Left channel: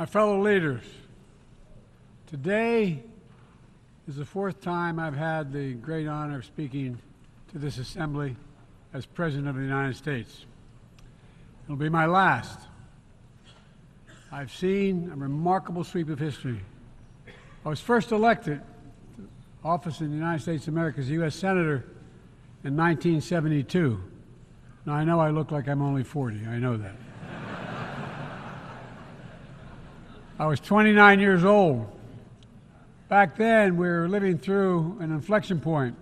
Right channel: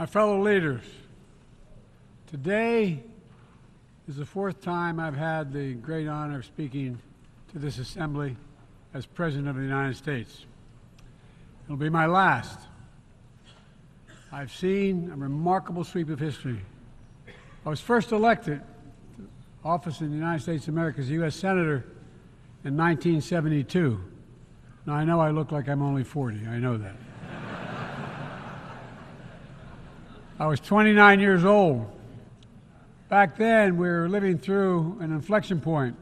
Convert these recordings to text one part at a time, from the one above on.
My fellow leaders, today is the fourth time I've had the great honor of speaking to this assembly as President of the United States. It'll be my last. I've seen a remarkable sweep of history. I was first elected to office in the United States of America as a U.S. Senator in 1972. Now, I know I look like I'm only 40. I know that. I was 29 years old. Back then, we were living through an inflection point,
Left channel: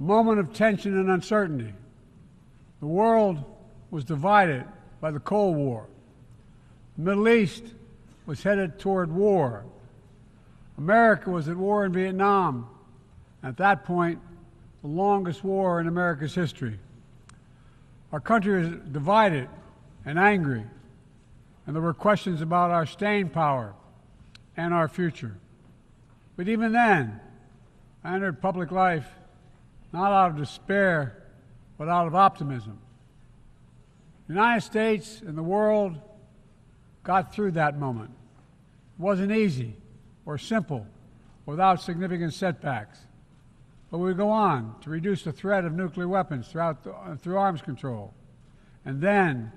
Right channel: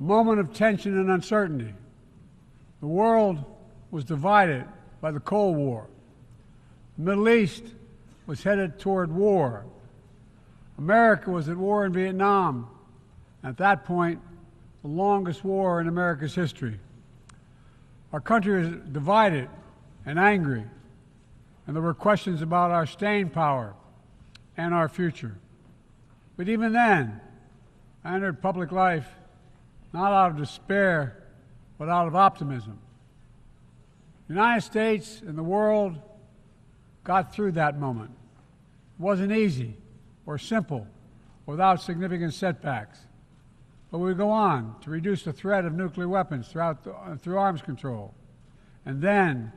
a moment of tension and uncertainty. The world was divided by the Cold War. The Middle East was headed toward war. America was at war in Vietnam. At that point, the longest war in America's history. Our country was divided and angry, and there were questions about our staying power and our future. But even then, I entered public life not out of despair, but out of optimism. The United States and the world got through that moment. It wasn't easy or simple without significant setbacks. But we go on to reduce the threat of nuclear weapons through arms control, and then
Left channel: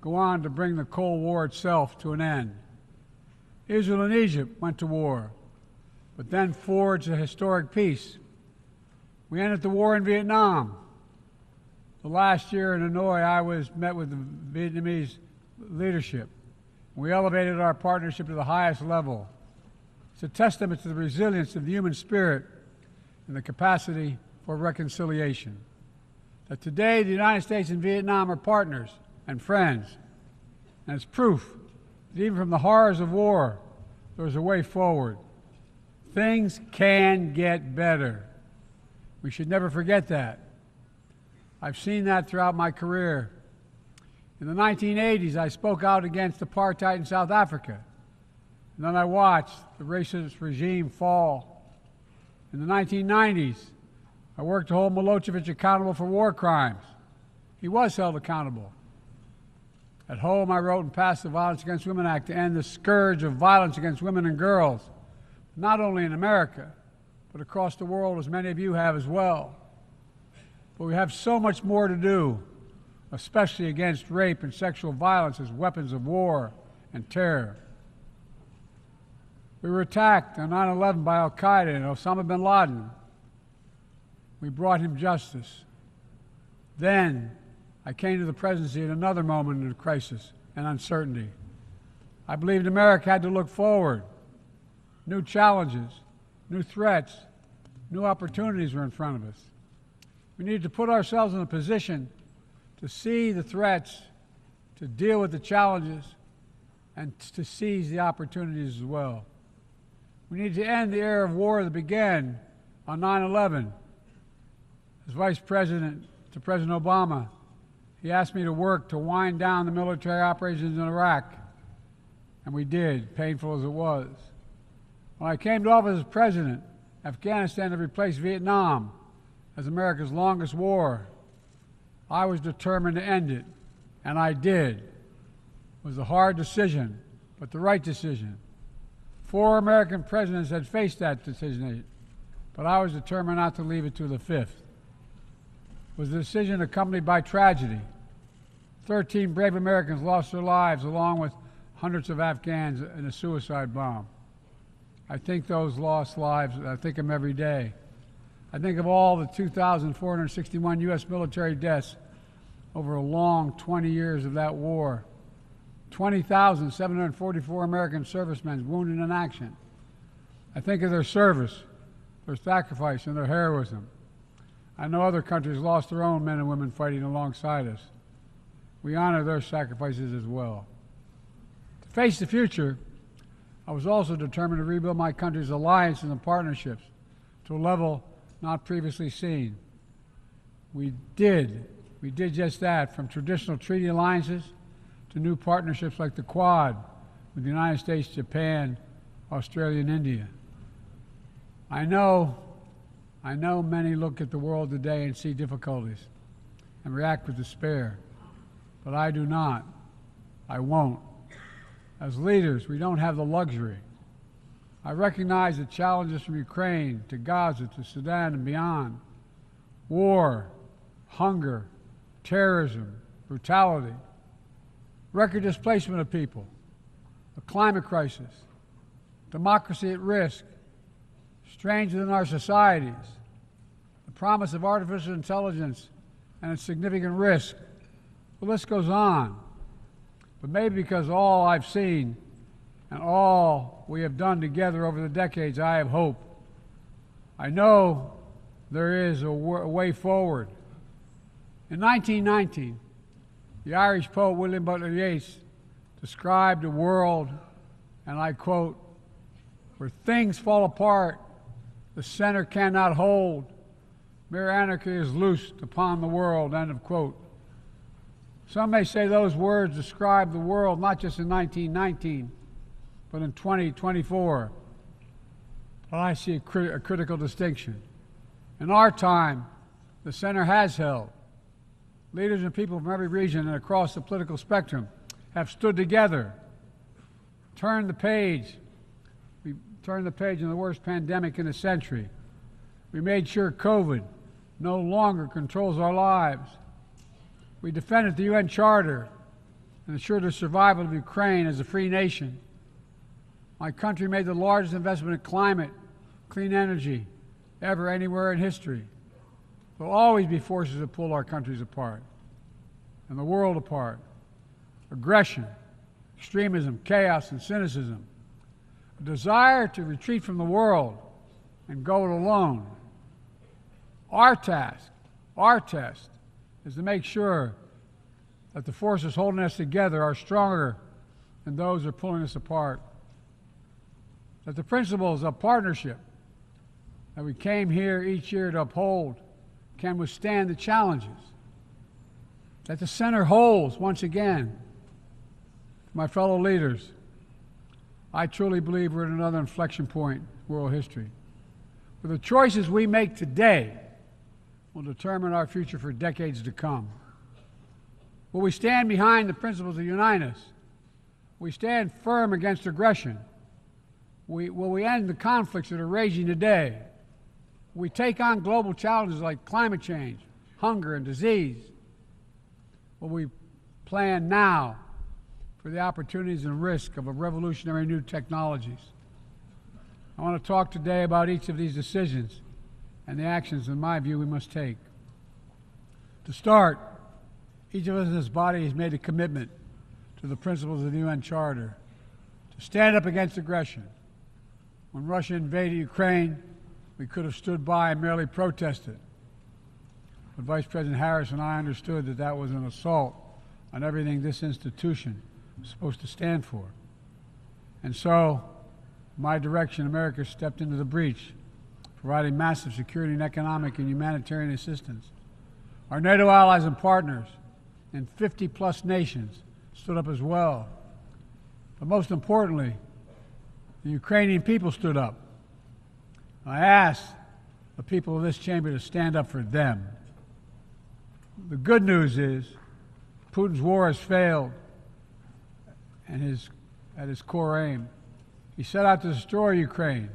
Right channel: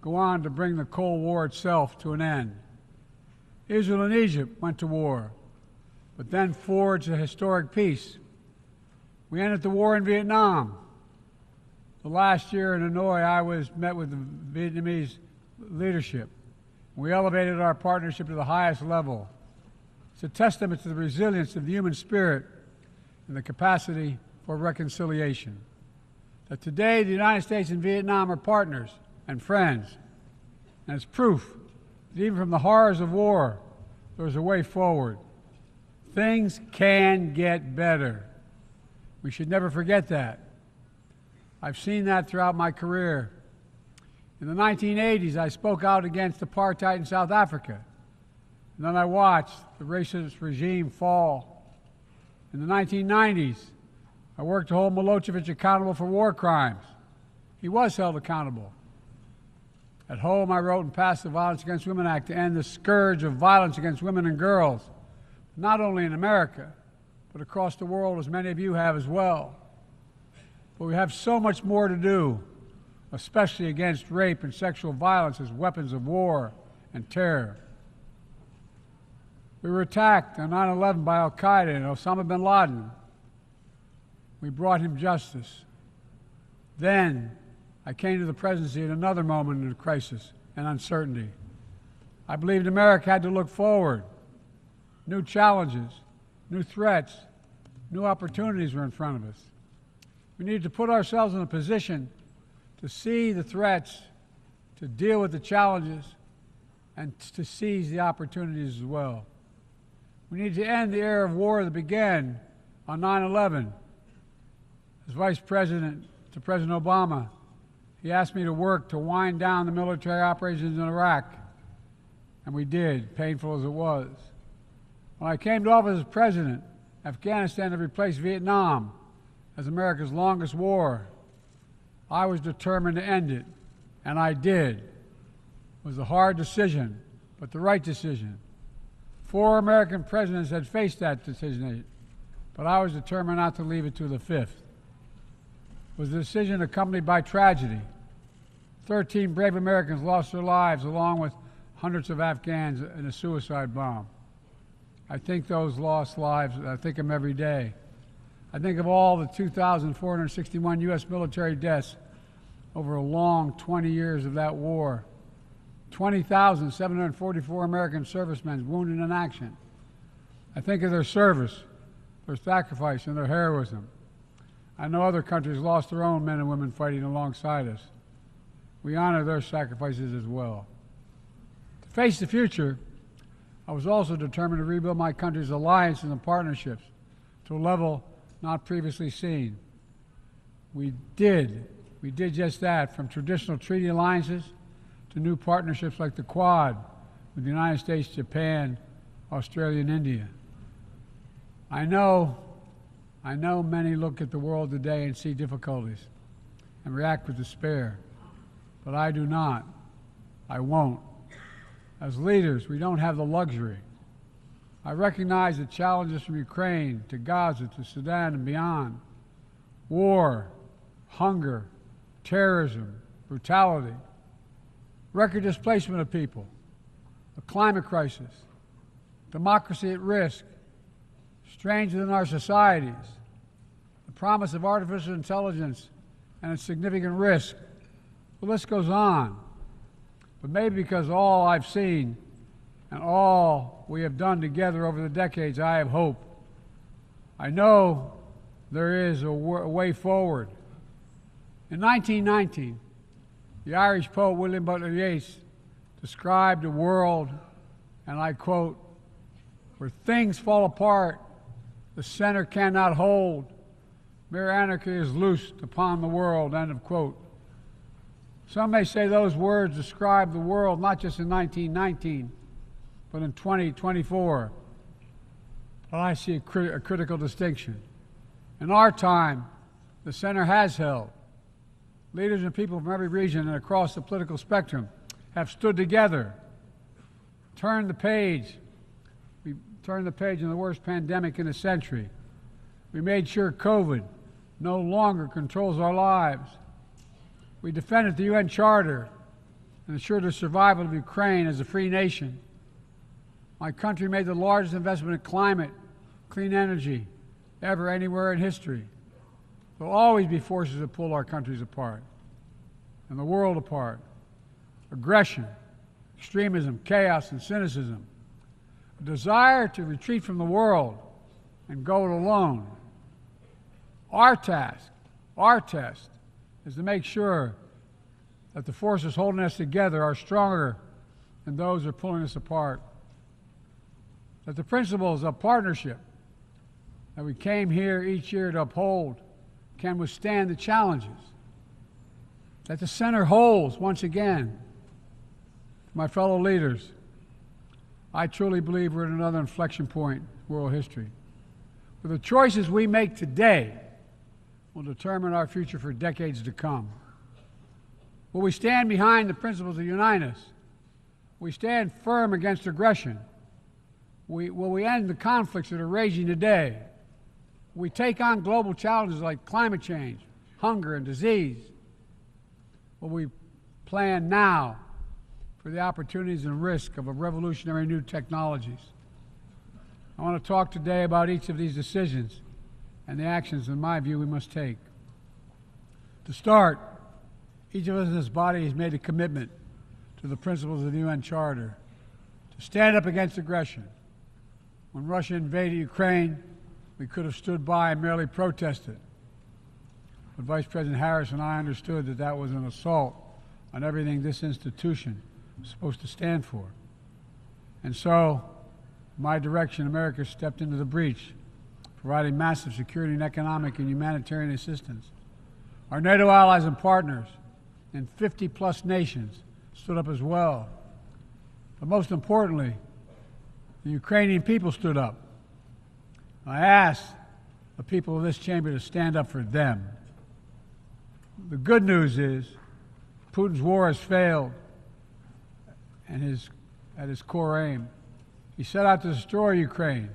go on to bring the Cold War itself to an end. Israel and Egypt went to war, but then forged a historic peace. We ended the war in Vietnam. The last year in Hanoi, I met with the Vietnamese leadership. We elevated our partnership to the highest level. It's a testament to the resilience of the human spirit and the capacity for reconciliation. That today, the United States and Vietnam are partners and friends. And it's proof that even from the horrors of war, there's a way forward. Things can get better. We should never forget that. I've seen that throughout my career. In the 1980s, I spoke out against apartheid in South Africa. And then I watched the racist regime fall. In the 1990s, I worked to hold Milosevic accountable for war crimes. He was held accountable. At home, I wrote and passed the Violence Against Women Act to end the scourge of violence against women and girls, not only in America, but across the world, as many of you have as well. But we have so much more to do, especially against rape and sexual violence as weapons of war and terror. We were attacked on 9/11 by al-Qaeda and Osama bin Laden. We brought him justice. Then I came to the presidency at another moment of crisis and uncertainty. I believed America had to look forward. New challenges, new threats, new opportunities were in front of us. We needed to put ourselves in a position to see the threats, to deal with the challenges, and to seize the opportunities as well. We need to end the era of war that began on 9/11. As Vice President to President Obama, he asked me to work to wind down the military operations in Iraq, and we did, painful as it was. When I came to office as president, Afghanistan had replaced Vietnam as America's longest war. I was determined to end it, and I did. It was a hard decision, but the right decision. 4 American presidents had faced that decision, but I was determined not to leave it to the 5th. It was a decision accompanied by tragedy. 13 brave Americans lost their lives, along with hundreds of Afghans in a suicide bomb. I think those lost lives, I think of them every day. I think of all the 2,461 U.S. military deaths over a long 20 years of that war. 20,744 American servicemen wounded in action. I think of their service, their sacrifice, and their heroism. I know other countries lost their own men and women fighting alongside us. We honor their sacrifices as well. To face the future, I was also determined to rebuild my country's alliances and partnerships to a level not previously seen. We did just that, from traditional treaty alliances to new partnerships like the Quad with the United States, Japan, Australia, and India. I know many look at the world today and see difficulties and react with despair, but I do not. I won't. As leaders, we don't have the luxury. I recognize the challenges from Ukraine to Gaza to Sudan and beyond. War, hunger, terrorism, brutality, record displacement of people, a climate crisis, democracy at risk, strains within our societies, the promise of artificial intelligence and its significant risk. The list goes on. But maybe because all I've seen and all we have done together over the decades, I have hope. I know there is a way forward. In 1919, the Irish poet William Butler Yeats described a world, and I quote, where things fall apart, the center cannot hold, mere anarchy is loosed upon the world, end of quote. Some may say those words describe the world not just in 1919, but in 2024. But I see a critical distinction. In our time, the center has held. Leaders and people from every region and across the political spectrum have stood together, turned the page. We turned the page in the worst pandemic in a century. We made sure COVID no longer controls our lives. We defended the UN Charter and ensured the survival of Ukraine as a free nation. My country made the largest investment in climate, clean energy, ever anywhere in history. There will always be forces that pull our countries apart and the world apart. Aggression, extremism, chaos, and cynicism. A desire to retreat from the world and go it alone. Our task, our test, is to make sure that the forces holding us together are stronger than those who are pulling us apart. That the principles of partnership that we came here each year to uphold can withstand the challenges. That the center holds once again. My fellow leaders, I truly believe we're at another inflection point in world history. Where the choices we make today will determine our future for decades to come. Will we stand behind the principles that unite us? Will we stand firm against aggression? Will we end the conflicts that are raging today? Will we take on global challenges like climate change, hunger, and disease? Will we plan now for the opportunities and risk of a revolutionary new technologies? I want to talk today about each of these decisions and the actions, in my view, we must take. To start, each of us in this body has made a commitment to the principles of the UN Charter to stand up against aggression. When Russia invaded Ukraine, we could have stood by and merely protested. But Vice President Harris and I understood that that was an assault on everything this institution is supposed to stand for. And so, my direction, America stepped into the breach, providing massive security and economic and humanitarian assistance. Our NATO allies and partners in 50-plus nations stood up as well. But most importantly, the Ukrainian people stood up. I asked the people of this chamber to stand up for them. The good news is Putin's war has failed and at his core aim. He set out to destroy Ukraine,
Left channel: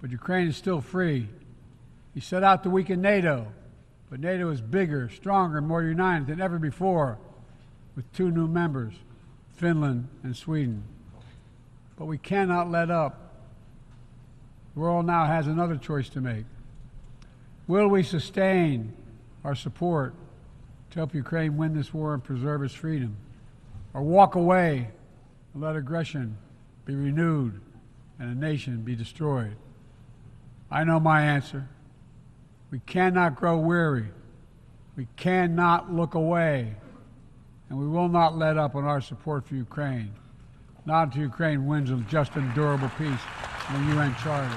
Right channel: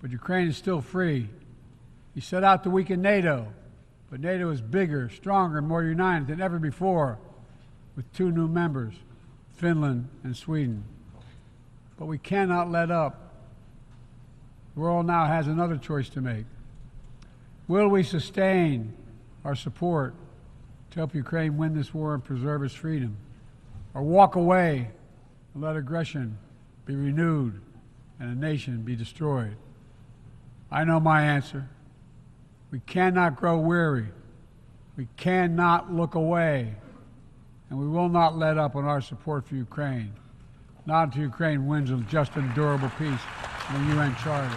but Ukraine is still free. He set out to weaken NATO, but NATO is bigger, stronger, and more united than ever before, with 2 new members, Finland and Sweden. But we cannot let up. The world now has another choice to make. Will we sustain our support to help Ukraine win this war and preserve its freedom, or walk away and let aggression be renewed and a nation be destroyed? I know my answer. We cannot grow weary. We cannot look away. And we will not let up on our support for Ukraine. Not until Ukraine wins a just and durable peace in the UN Charter.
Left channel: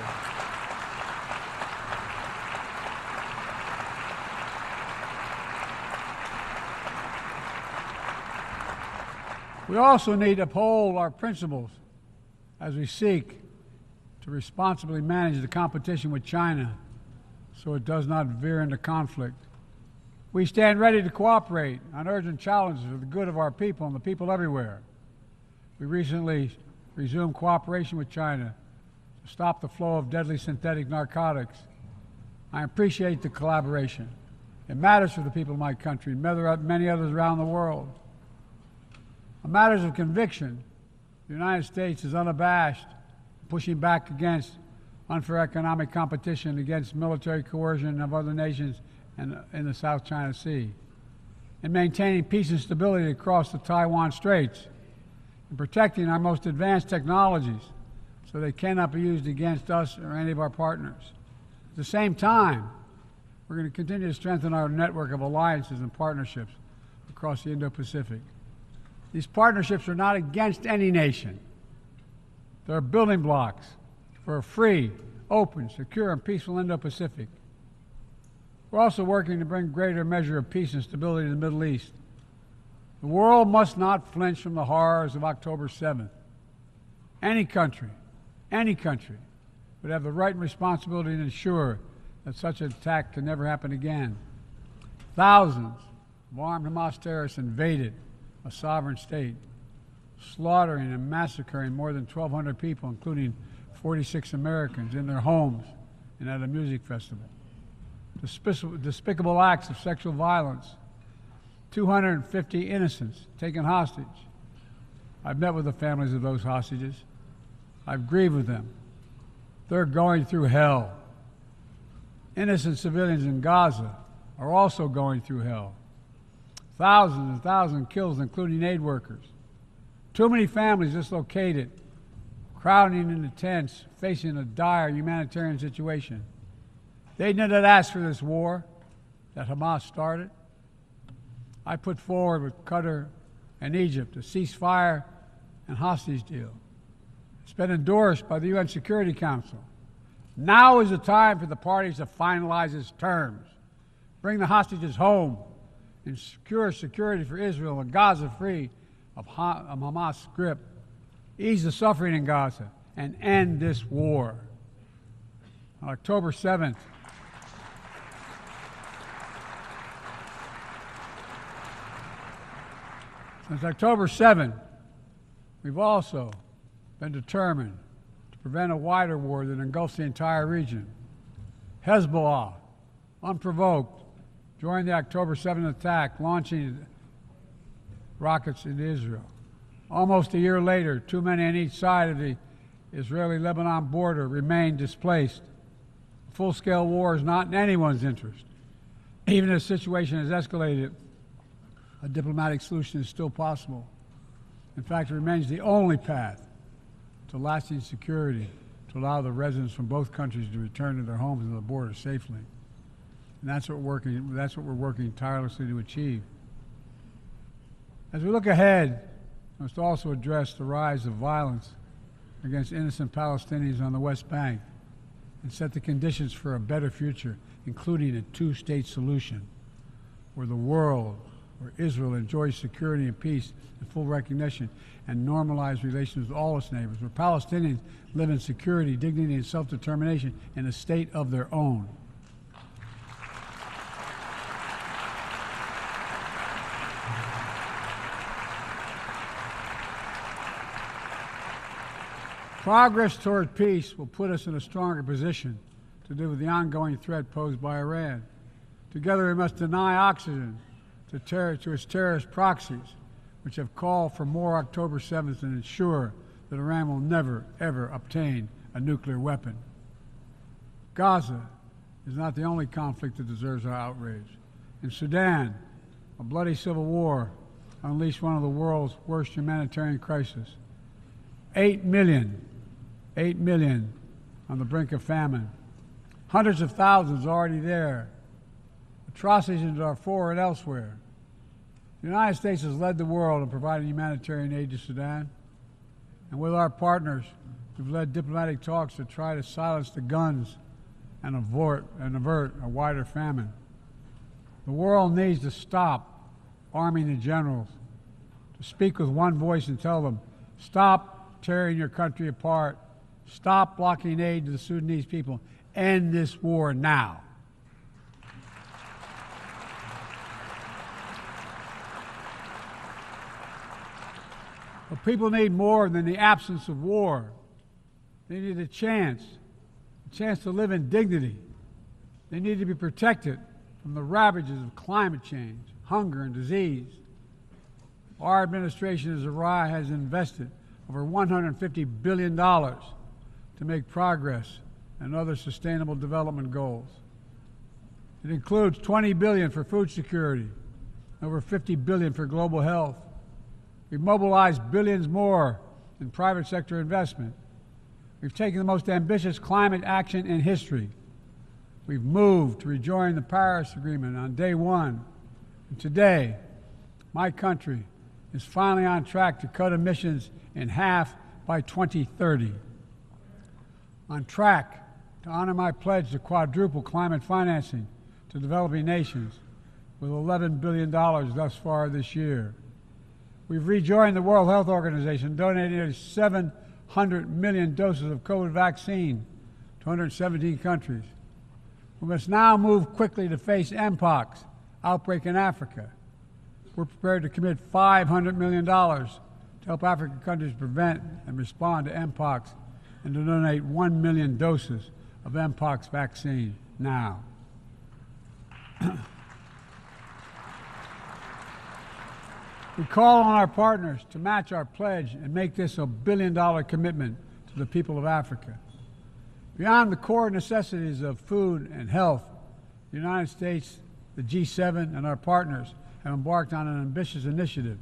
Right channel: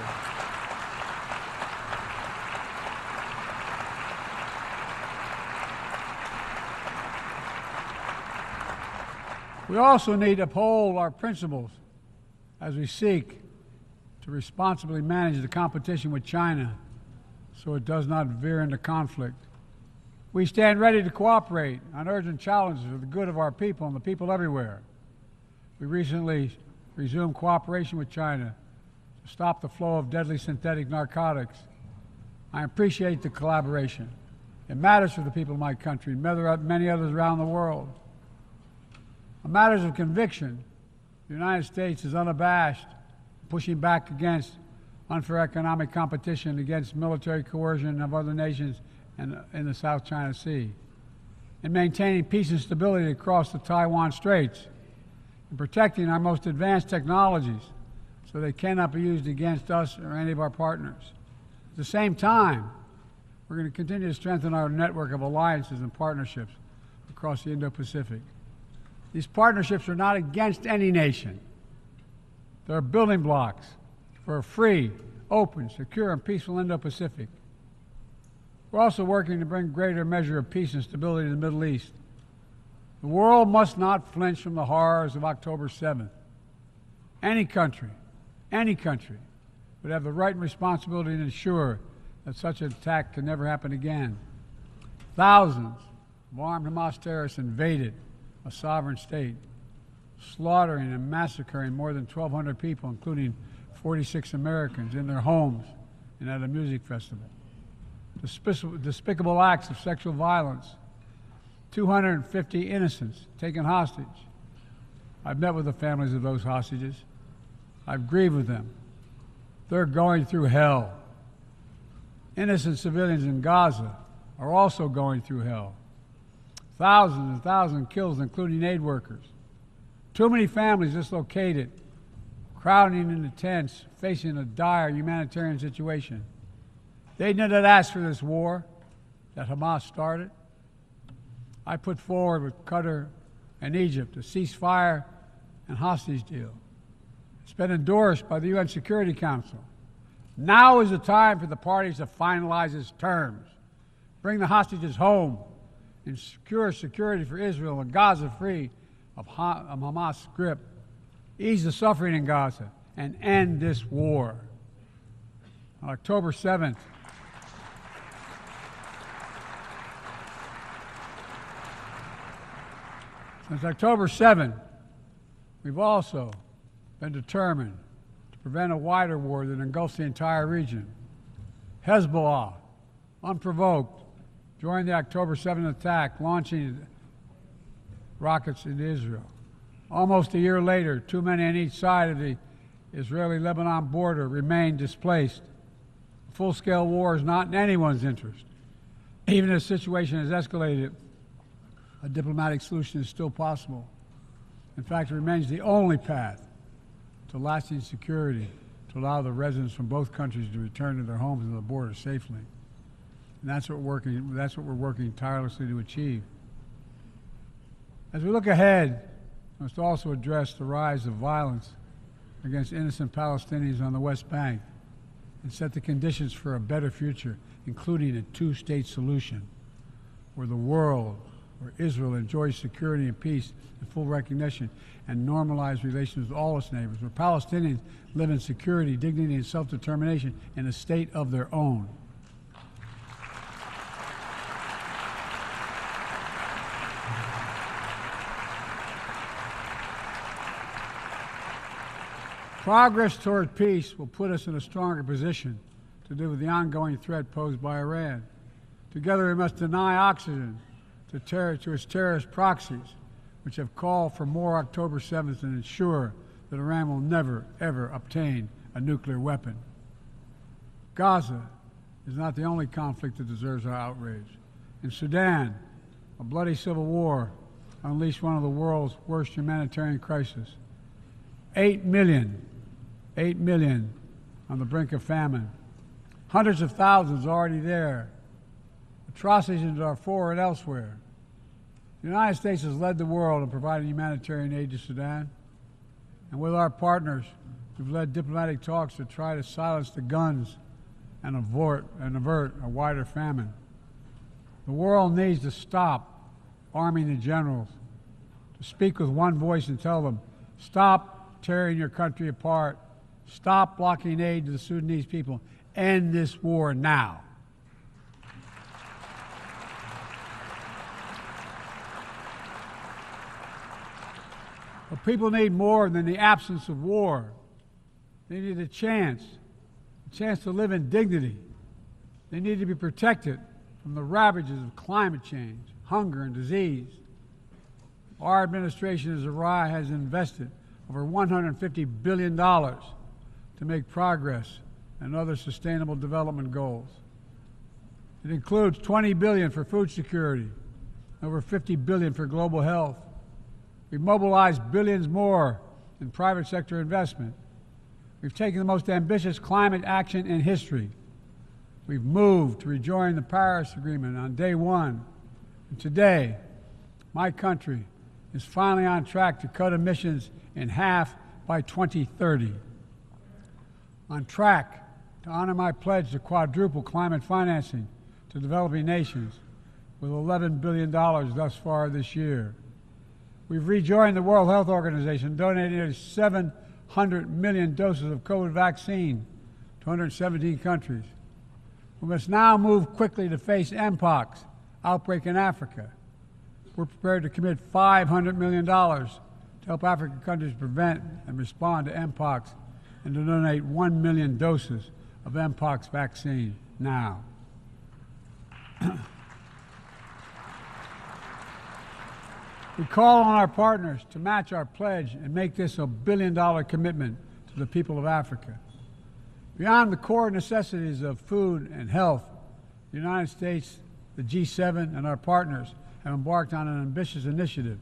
We also need to uphold our principles as we seek to responsibly manage the competition with China so it does not veer into conflict. We stand ready to cooperate on urgent challenges for the good of our people and the people everywhere. We recently resumed cooperation with China to stop the flow of deadly synthetic narcotics. I appreciate the collaboration. It matters for the people of my country and many others around the world. On matters of conviction, the United States is unabashed, pushing back against unfair economic competition, against military coercion of other nations in the South China Sea, in maintaining peace and stability across the Taiwan Straits, in protecting our most advanced technologies so they cannot be used against us or any of our partners. At the same time, we're going to continue to strengthen our network of alliances and partnerships across the Indo-Pacific. These partnerships are not against any nation. They're building blocks for a free, open, secure, and peaceful Indo-Pacific. We're also working to bring greater measure of peace and stability to the Middle East. The world must not flinch from the horrors of October 7th. Any country would have the right and responsibility to ensure that such an attack can never happen again. Thousands of armed Hamas terrorists invaded a sovereign state, slaughtering and massacring more than 1,200 people, including 46 Americans, in their homes and at a music festival. Despicable acts of sexual violence, 250 innocents taken hostage. I've met with the families of those hostages. I've grieved with them. They're going through hell. Innocent civilians in Gaza are also going through hell. Thousands and thousands killed, including aid workers. Too many families dislocated, crowding into tents, facing a dire humanitarian situation. They did not ask for this war that Hamas started. I put forward with Qatar and Egypt a ceasefire and hostage deal. It's been endorsed by the UN Security Council. Now is the time for the parties to finalize its terms, bring the hostages home, and secure security for Israel and Gaza free of Hamas' grip, ease the suffering in Gaza, and end this war. On October 7th, since October 7th, we've also been determined to prevent a wider war that engulfs the entire region. Hezbollah, unprovoked, joined the October 7th attack, launching rockets into Israel. Almost a year later, too many on each side of the Israeli-Lebanon border remain displaced. Full-scale war is not in anyone's interest. Even as the situation has escalated, a diplomatic solution is still possible. In fact, it remains the only path to lasting security to allow the residents from both countries to return to their homes and the border safely. And that's what we're working tirelessly to achieve. As we look ahead, we must also address the rise of violence against innocent Palestinians on the West Bank and set the conditions for a better future, including a two-state solution where the world, where Israel enjoys security and peace and full recognition and normalized relations with all its neighbors, where Palestinians live in security, dignity, and self-determination in a state of their own. Progress toward peace will put us in a stronger position to deal with the ongoing threat posed by Iran. Together we must deny oxygen to its terrorist proxies, which have called for more October 7th and ensure that Iran will never, ever obtain a nuclear weapon. Gaza is not the only conflict that deserves our outrage. In Sudan, a bloody civil war unleashed one of the world's worst humanitarian crises. 8 million on the brink of famine. Hundreds of thousands already there. Atrocities in Darfur and elsewhere. The United States has led the world in providing humanitarian aid to Sudan. And with our partners, we've led diplomatic talks to try to silence the guns and avert a wider famine. The world needs to stop arming the generals, to speak with one voice and tell them, stop tearing your country apart. Stop blocking aid to the Sudanese people. End this war now. The People need more than the absence of war. They need a chance to live in dignity. They need to be protected from the ravages of climate change, hunger, and disease. Our administration has invested over $150 billion to make progress in other sustainable development goals. It includes $20 billion for food security, over $50 billion for global health. We've mobilized billions more in private sector investment. We've taken the most ambitious climate action in history. We've moved to rejoin the Paris Agreement on day one. And today, my country is finally on track to cut emissions in half by 2030. On track to honor my pledge to quadruple climate financing to developing nations with $11 billion thus far this year. We've rejoined the World Health Organization, donating nearly 700 million doses of COVID vaccine to 117 countries. We must now move quickly to face Mpox outbreak in Africa. We're prepared to commit $500 million to help African countries prevent and respond to Mpox and to donate 1 million doses of Mpox vaccine now. We call on our partners to match our pledge and make this a billion-dollar commitment to the people of Africa. Beyond the core necessities of food and health, the United States, the G7, and our partners have embarked on an ambitious initiative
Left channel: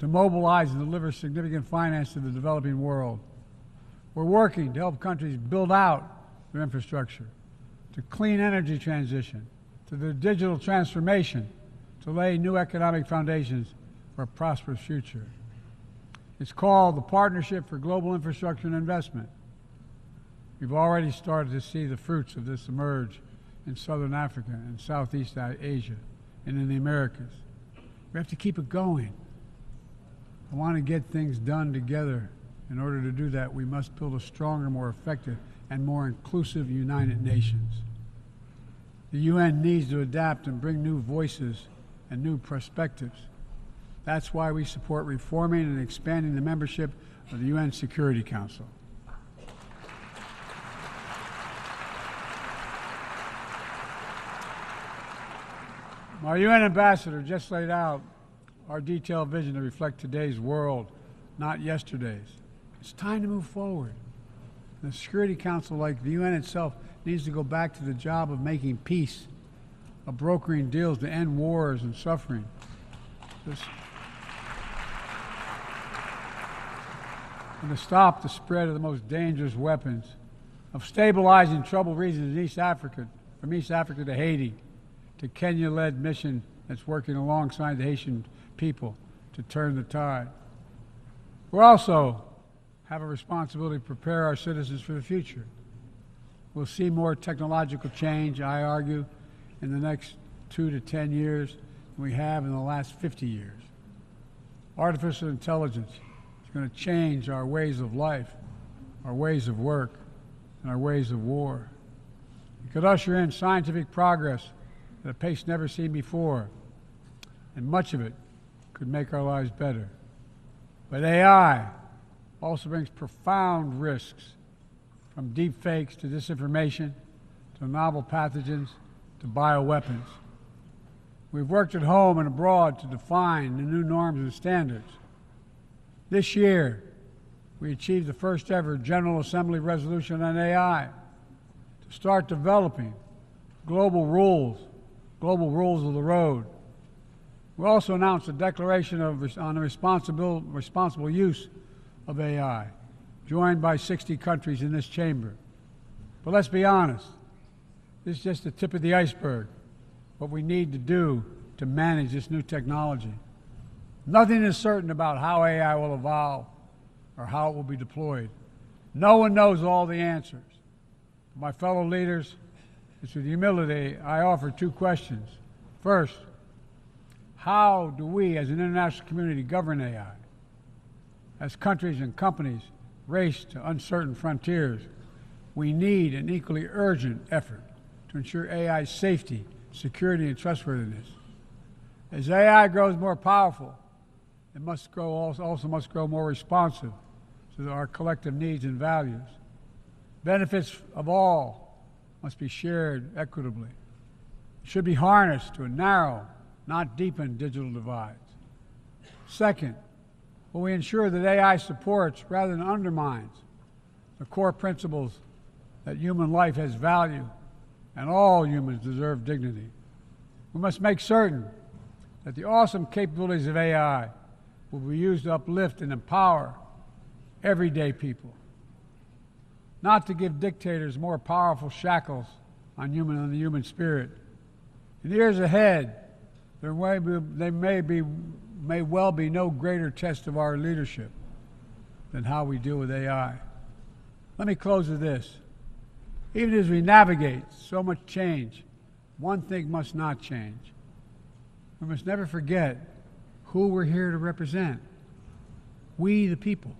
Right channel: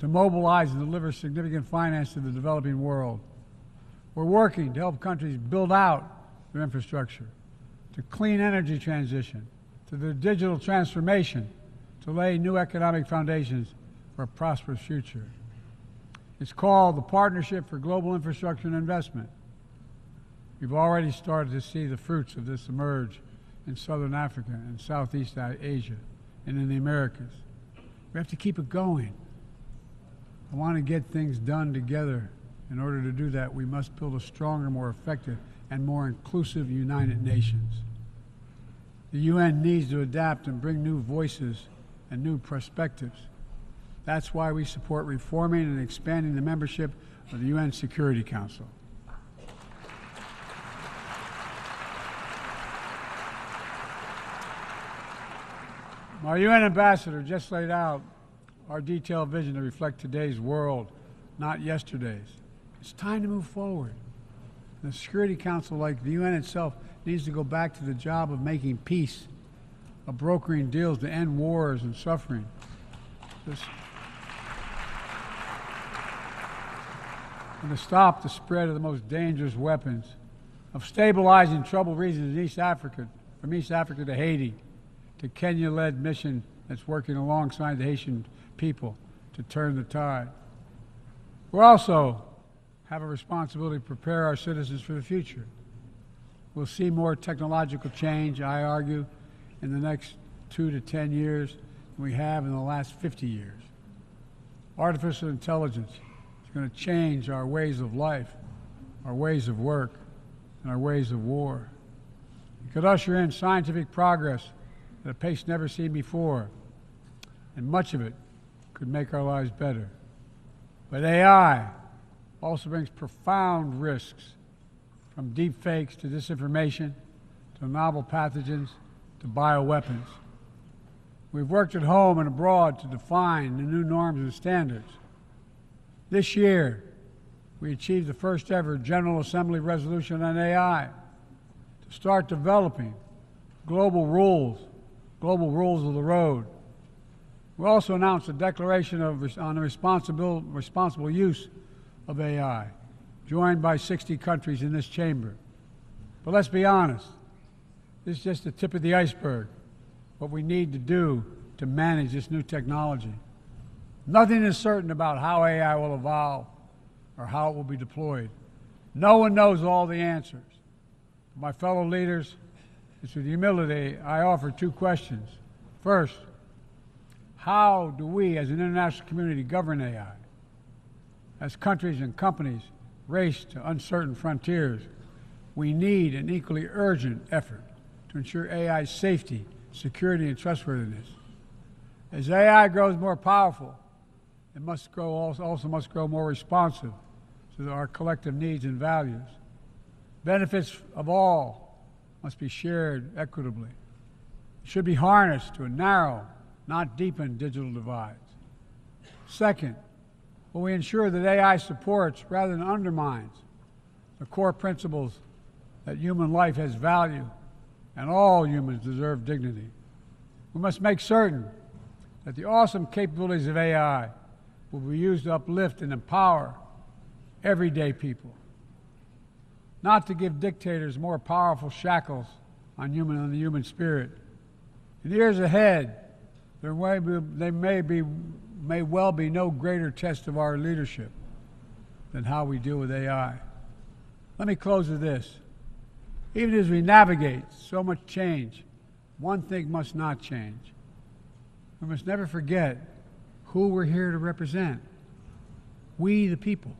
to mobilize and deliver significant finance to the developing world. We're working to help countries build out their infrastructure, to clean energy transition, to their digital transformation, to lay new economic foundations for a prosperous future. It's called the Partnership for Global Infrastructure and Investment. We've already started to see the fruits of this emerge in Southern Africa and Southeast Asia and in the Americas. We have to keep it going. I want to get things done together. In order to do that, we must build a stronger, more effective, and more inclusive United Nations. The UN needs to adapt and bring new voices and new perspectives. That's why we support reforming and expanding the membership of the UN Security Council. My UN ambassador just laid out our detailed vision to reflect today's world, not yesterday's. It's time to move forward. The Security Council, like the UN itself, needs to go back to the job of making peace, of brokering deals to end wars and suffering. And to stop the spread of the most dangerous weapons, of stabilizing troubled regions in East Africa, from East Africa to Haiti, to Kenya-led mission that's working alongside the Haitian people to turn the tide. We also have a responsibility to prepare our citizens for the future. We'll see more technological change, I argue, in the next 2 to 10 years than we have in the last 50 years. Artificial intelligence is going to change our ways of life, our ways of work, and our ways of war. It could usher in scientific progress at a pace never seen before, and much of it could make our lives better. But AI also brings profound risks, from deep fakes to disinformation, to novel pathogens, to bioweapons. We've worked at home and abroad to define the new norms and standards. This year, we achieved the first ever General Assembly resolution on AI to start developing global rules of the road. We also announced a declaration on the responsible use of AI, joined by 60 countries in this chamber. But let's be honest, this is just the tip of the iceberg, what we need to do to manage this new technology. Nothing is certain about how AI will evolve or how it will be deployed. No one knows all the answers. My fellow leaders, it's with humility I offer 2 questions. First, how do we as an international community govern AI? As countries and companies race to uncertain frontiers, we need an equally urgent effort to ensure AI's safety, security, and trustworthiness. As AI grows more powerful, it also must grow more responsive to our collective needs and values. Benefits of all must be shared equitably. It should be harnessed to narrow, not deepen digital divides. Second, will we ensure that AI supports rather than undermines the core principles that human life has value and all humans deserve dignity? We must make certain that the awesome capabilities of AI will be used to uplift and empower everyday people, not to give dictators more powerful shackles on the human spirit. In the years ahead, there may well be no greater test of our leadership than how we deal with AI. Let me close with this. Even as we navigate so much change, one thing must not change. We must never forget who we're here to represent. We, the people.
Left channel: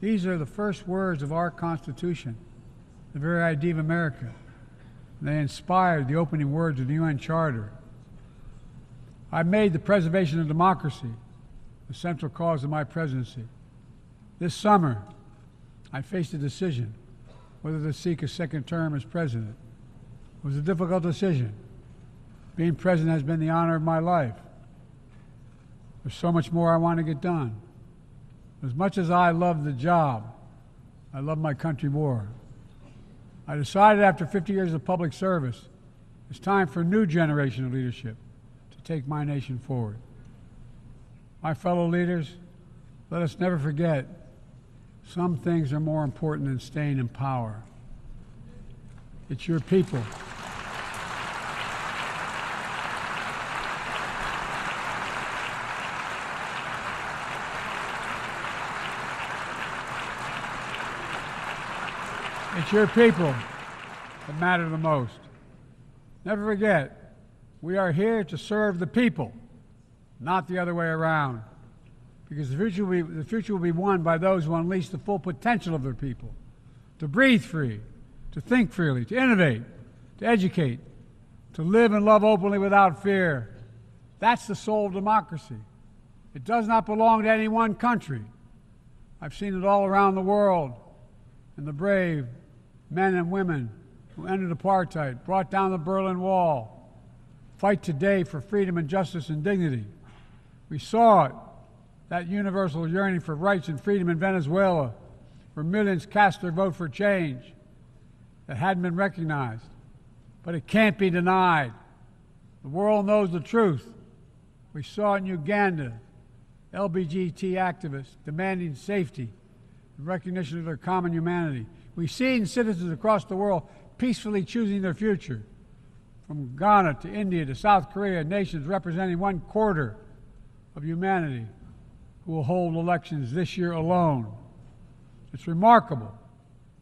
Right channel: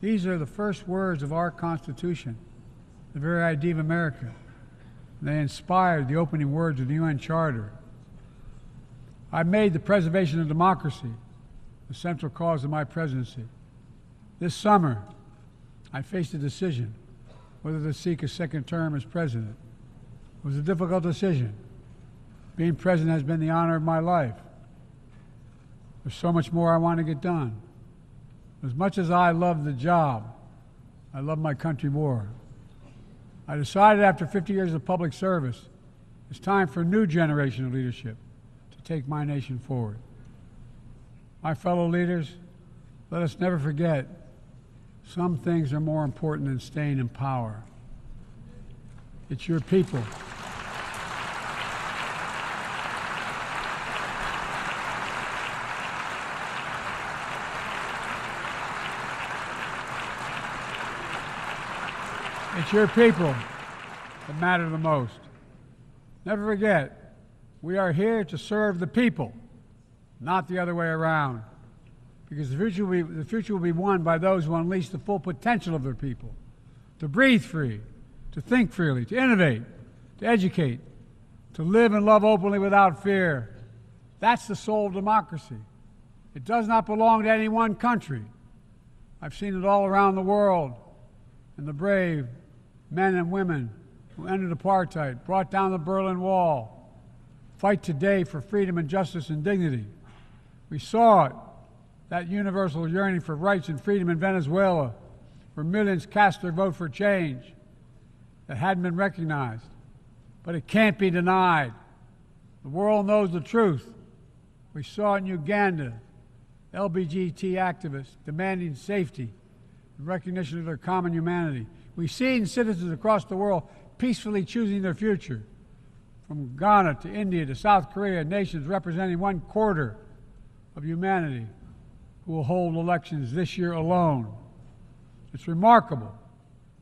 These are the first words of our Constitution, the very idea of America. They inspired the opening words of the UN Charter. I made the preservation of democracy the central cause of my presidency. This summer, I faced a decision whether to seek a second term as president. It was a difficult decision. Being president has been the honor of my life. There's so much more I want to get done. As much as I love the job, I love my country more. I decided after 50 years of public service, it's time for a new generation of leadership to take my nation forward. My fellow leaders, let us never forget, some things are more important than staying in power. It's your people. It's your people that matter the most. Never forget, we are here to serve the people, not the other way around. Because the future will be won by those who unleash the full potential of their people, to breathe free, to think freely, to innovate, to educate, to live and love openly without fear. That's the soul of democracy. It does not belong to any one country. I've seen it all around the world, in the brave men and women who ended apartheid, brought down the Berlin Wall, fight today for freedom and justice and dignity. We saw it, that universal yearning for rights and freedom in Venezuela, where millions cast their vote for change that hadn't been recognized. But it can't be denied. The world knows the truth. We saw in Uganda, LGBT activists demanding safety and recognition of their common humanity. We've seen citizens across the world peacefully choosing their future. From Ghana to India to South Korea, nations representing 1/4 of humanity who will hold elections this year alone. It's remarkable,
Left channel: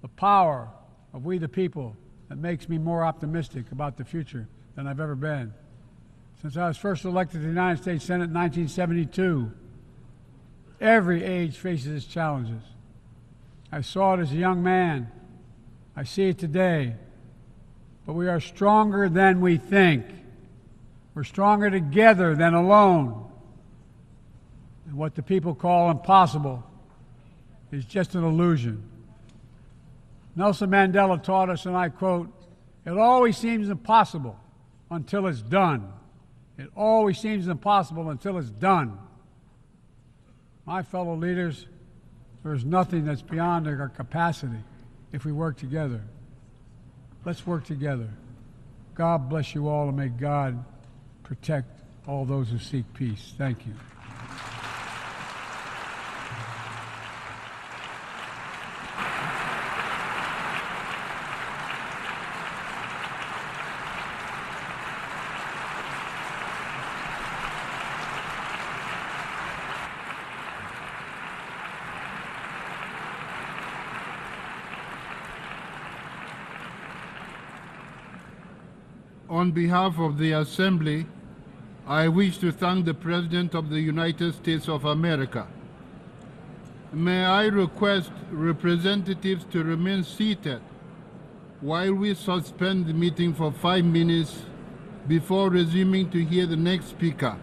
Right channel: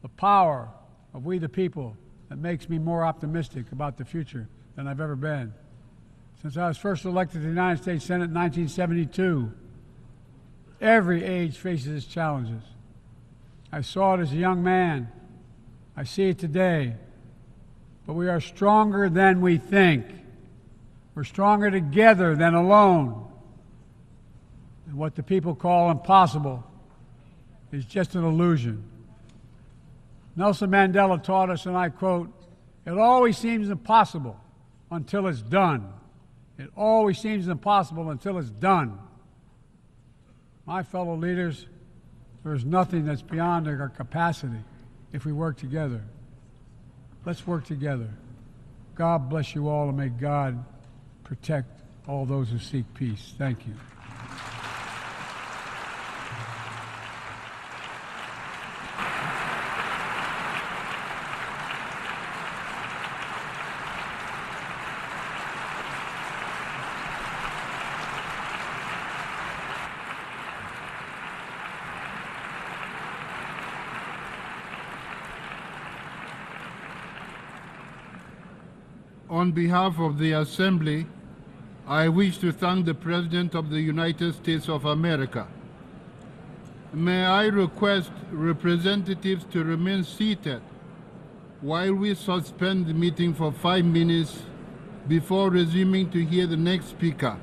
the power of we the people, that makes me more optimistic about the future than I've ever been. Since I was first elected to the United States Senate in 1972, every age faces its challenges. I saw it as a young man. I see it today. But we are stronger than we think. We're stronger together than alone. And what the people call impossible is just an illusion. Nelson Mandela taught us, and I quote, "It always seems impossible until it's done. It always seems impossible until it's done." My fellow leaders, there's nothing that's beyond our capacity if we work together. Let's work together. God bless you all, and may God protect all those who seek peace. Thank you. On behalf of the Assembly, I wish to thank the President of the United States of America. May I request representatives to remain seated while we suspend the meeting for 5 minutes before resuming to hear the next speaker.